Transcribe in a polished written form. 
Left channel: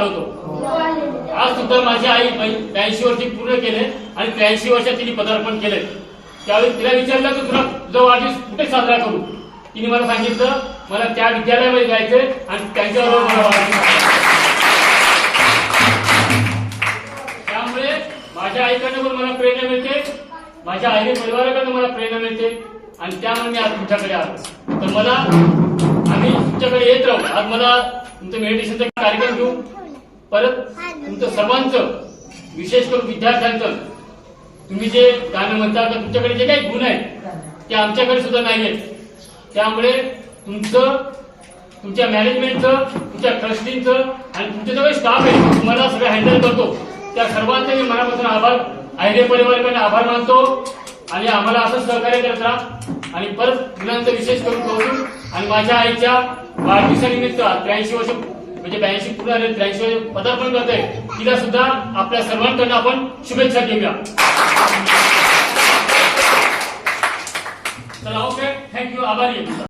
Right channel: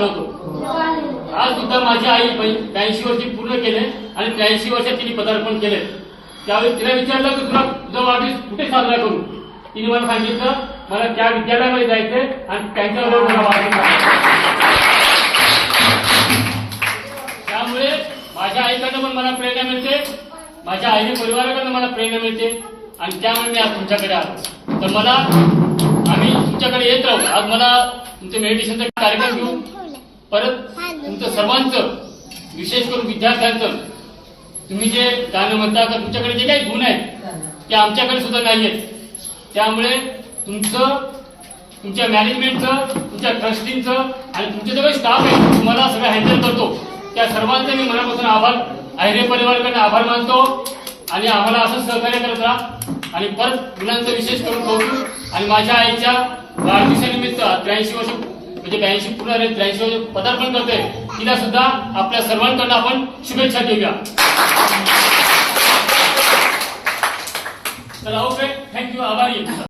आलो होतो. आज सुद्धा माझी आई 83 वर्षी पूर्ण केले आणि 83 वर्षात तिने पदार्पण केले. त्यावेळी तिला विचारलं की तुझा वाढदिवस कुठे साजरा करू. तिने मला सांगितलं मला त्या विद्यालयामध्ये जायचंय आणि त्यांच्याबरोबर मला वाढदिवस. त्यामुळे माझ्या आईकडनं पण मला प्रेरणा मिळते, माझ्या आई परिवाराकडनं मला प्रेरणा मिळते आणि त्यामुळे मी आज तुमच्याकडे आलो. तर मला आम्ही तुमच्याकडे येत राहू. आज मला तुमचं मेडिटेशनचा कार्यक्रम घेऊ. परत तुमचं सर्वांचं विशेष करून विद्यार्थ्यांचं तुम्ही जे गाणं म्हणता का तुमच्याकडे जे काही गुण आहेत ते आमच्याकडे सुद्धा नाही आहेत. त्यामुळे तुमच्या मॅनेजमेंटचं, तुमच्या ट्रस्टींचं आणि तुमचे जो काही स्टाफ आहे तुम्हाला सगळं हँडल करतो त्या सर्वांचे मी मनापासून आभार, आहिरे परिवाराकडनं आभार मानतो आणि आम्हाला असंच सहकार्य करत राहा. आणि परत गुणांचं विशेष करून कौतुक आणि माझ्या आईच्या वाढदिवसानिमित्त 83 वर्ष म्हणजे 82 पूर्ण 83 वर्ष पदार्पण करतोय तिला सुद्धा आपल्या सर्वांकडून आपण शुभेच्छा देऊया. चला ओके, थँक्यू, आभारी आहे.